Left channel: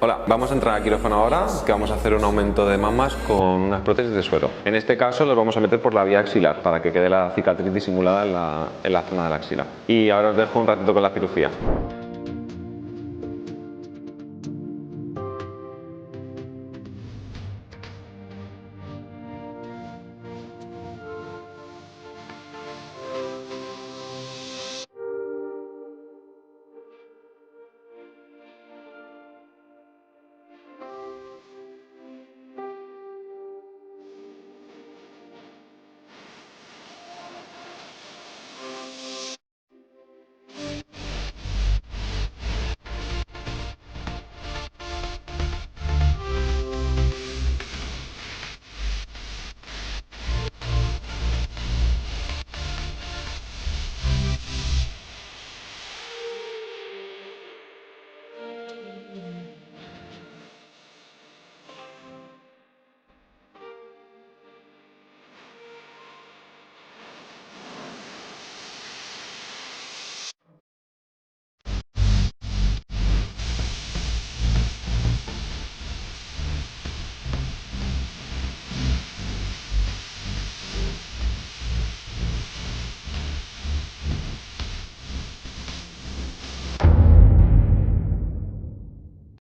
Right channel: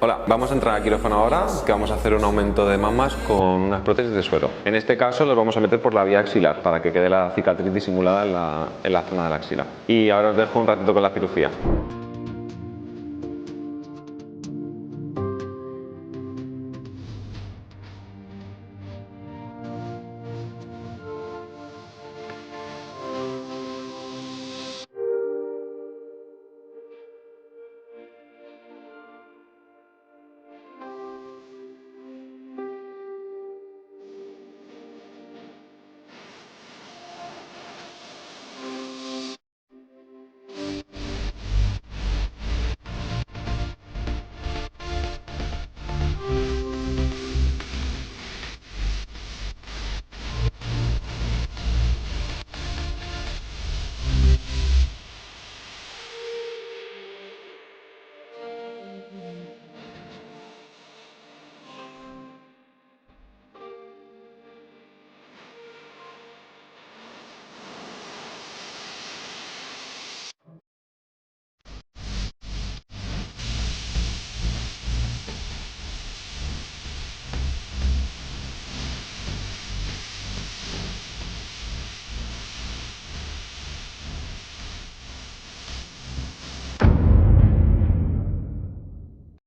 Hola, vamos a entrar al quirófano ahora, que vamos a hacer un aumento de mamas con unas prótesis de suero. En este caso los vamos a meter por la vía axilar, para que quede la cicatriz disimulada en la zona de la axila. Y ahora os dejo un ratito con la cirugía.